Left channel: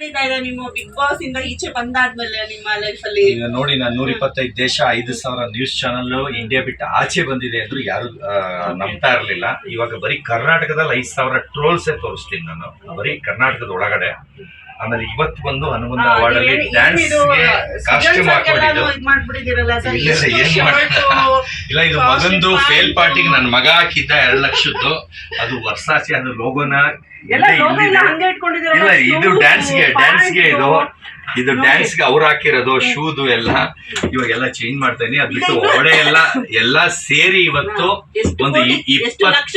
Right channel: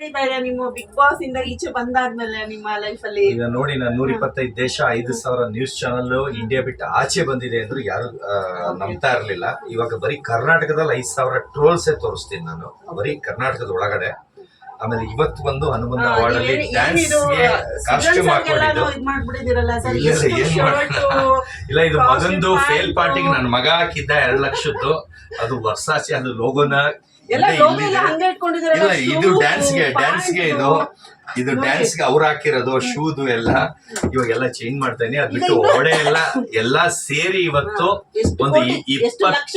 ನಿಮ್ಮ big boss ಇಂದ ಈಚೆ ಬಂದಾದ್ಮೇಲೆ ನಿಮ್ಮ ಲೈಫ್ ಅಲ್ಲಿ ಈಗ ನೋಡಿ ನಾನು 125 ದೇಶ 5,000 ನ್ಯೂಸ್ ಚಾನಲ್ ಇಂಡಿಯಾ ಬಿಟ್ಟು ಆಚೆ ಬಂದಿದೆ ಅಂದ್ರು ಯಾರು ನಂಬ್ತಾ ಇರ್ಲಿಲ್ಲ. ಇವಾಗ ಬರೀ ಕರ್ನಾಟಕದಲ್ಲಿ 5,000 ಟ್ರೋಲ್ಸೇ ತೋರಿಸ್ತೀನಿ ನಾನು, ಬರೀ ಕರ್ನಾಟಕದ ಒಳಗಡೆ. ಆಮೇಲೆ ಇವತ್ತು ಬಂದು ಹನುಮಂತ ಅವಾರ್ಡ್ ಅಲ್ಲಿ ಡ್ಯಾನ್ಸ್ ಗೆ ಕಾಸ್ಟ್ಯೂಮ್ ಹಾಕೊಂಡಿದ್ದು ಇಲ್ಲ, ಇದು ಮಗಂದು ಫೇಲ್ ಪಾರ್ಟಿಗೆ ನನ್ನ ಮಗ ಹಾಕಿದ್ದ 2 ಲಕ್ಷದ್ದು. ಅದು ವರ್ಸಾಚೆ, ಅದು ಲೋಗೋನ ಇಲ್ಲ, ಇದು ಡ್ಯಾನ್ಸ್ಗೆ ಇದು ಡ್ಯಾನ್ಸ್ಗೆ ಅವ್ರು ಹಾಕಿರೋದು ಶೂದು ಎಲ್ಲ ಇವಾಗೆಲ್ಲ ಚೇಂಜ್ ಮಾಡ್ತೇನೆ. ಅದ್ ಬಿಟ್ಟು ಒಡೆ ಎಲ್ಲ ಸೇರಿ ಇವತ್ತು ಒಂದು 20 ಲಕ್ಷ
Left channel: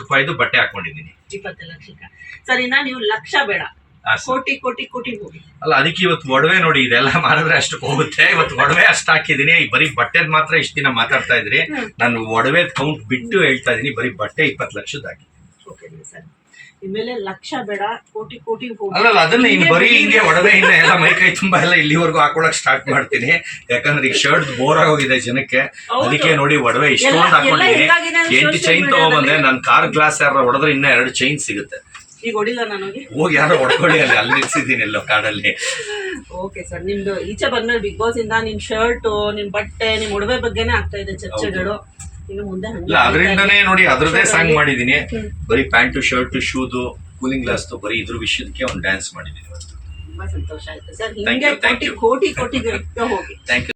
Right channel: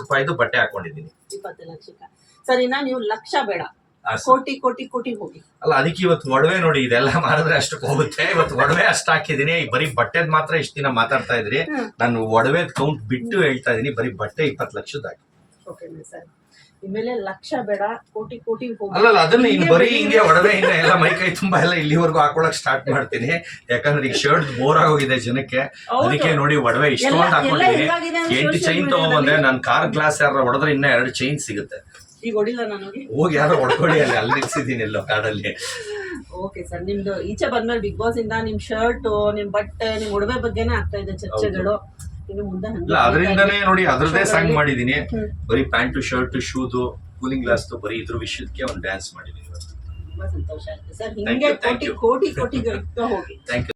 ರೂಪಾಯಿದು ಬಟ್ಟೆ ಹಾಕೊಂಡಿದ್ದೀನಿ. 20 ಲಕ್ಷಕ್ಕ ಸರಿನಾ? ನೀವು ಲಕ್ಷ ಬೇಡ, ಕೋಟಿ ಕೋಟಿ ಕೋಟಿ ಹೋಗಿ ಅಲ್ಲ. ಅದಕ್ಕೆ ಇವತ್ತು ಒಡವೆ ನೋಡಿ, ಇದೆಲ್ಲ ಮಾಡಿದ್ರೆ ಅಷ್ಟಕ್ಕೆ ಹೋಗುತ್ತೆ. ಇವತ್ತು ಒಡವೆ ಅಷ್ಟು ಹಾಕಿದೀನಿ. ಬರೀ ಬಟ್ಟೆದ್ ಮಾತ್ರ ಇಷ್ಟ ದಿನ ಮಾತಾಡ್ತಾ ಇದ್ರಿ, ನಾನು ಒಡವೆ ಕೌಂಟ್ ಬಿಟ್ಟು ಹೇಳ್ತಾ ಇದೀನಿ. ಬರೀ ಬಟ್ಟೆ 20 ಲಕ್ಷದ ಹಾಕಿ. ಸರ್ ಇನ್ಮೇಲೆ ಲಕ್ಷ ಬೇಡ, ಕೋಟಿ ಕೋಟಿ ಹೋಗಿ. ಅಲ್ಲ ಅದನ್ನ ಇನ್ ಬರೀ ಹಿಂಗೆ ಒಡವೆ ಇಂದ ಎಲ್ಲ ಮೈಕೈ ತುಂಬಾ ಎಲ್ಲ ಇಲ್ಲಿವರೆಗೂ ಹಾಕೊಳಕ್ ಸ್ಟಾರ್ಟ್ ಮಾಡ್ತೀನಿ. ಯಾಕಂದ್ರೆ ಈಗ ಶರ್ಟ್ ಬೋರ್ ಆಗೋಗಿದೆ ಜನಕ್ಕೆ. ಅದಕ್ಕೆ ನೋಡಿ ಒಡವೆ ಇಷ್ಟೊಂದು ಹಾಕೊಂಡಿದ್ದೀನಿ. 8 ಚೈನ್ ತಗೊಂಡ್ಬಂದೆ. ನನ್ ಕಾರ್ ಗ್ಲಾಸ್ ಯಾರ ಹೊಡೆದ್ರೆ ಇನ್ನ 2 ಚೈನ್ ಸಿಗುತ್ತೆ. ಈಗ ಹೊಡಿಲ್ಲ ನನಗೆ, ಹೋಗಿ ಯಾರೋ ಹೊಡ್ಕೊಳ್ಳಿ, ಅಲ್ಲಿ ನಿಲ್ಸಿದ್ದೀನಿ ಎಲ್ಲೋ ಕಾಡಲ್ಲಿ. ಓಕೆ ಸರ್, ನಿಮ್ದು ಈಚೆ ಬಂದ್ಮೇಲೆ ಬಿಗ್ ಬಾಸ್ ಇಂದ ನಿಮ್ ಶರ್ಟ್, ನಿಮ್ ಬಟ್ಟೆ, ನಿಮ್ ಒಡವೆ ಬಗ್ಗೆನೇ ಆಗ್ತಾ ಇದೆ ಚರ್ಚೆಗಳು. ಇನ್ನು ಮುಂದೆ ಅದರಿಂದನೇ ನೋಡಿ ಅದ್ರದೇ ಸಾಂಗ್ ಮಾಡಿದೀನಿ. ಬರೀ ಪ್ಯಾಂಟು ಶರ್ಟ್ ಶೂದು ಕೂಲಿಂಗ್ ಗ್ಲಾಸ್ ಬರೀ ಇದ್ರ ವಿಷಯಕ್ಕೆ ಒಂದು ಡ್ಯಾನ್ಸ್ ಮಾಡಿದೀನಿ. ತುಂಬಾ ಸಂತೋಷ ಆಯ್ತು ಸರ್. ಹಿಂಗೆ ಕೋಟಿ ಕೋಟಿ ಕೋಟಿ ಹೋಗಿ. Thank you.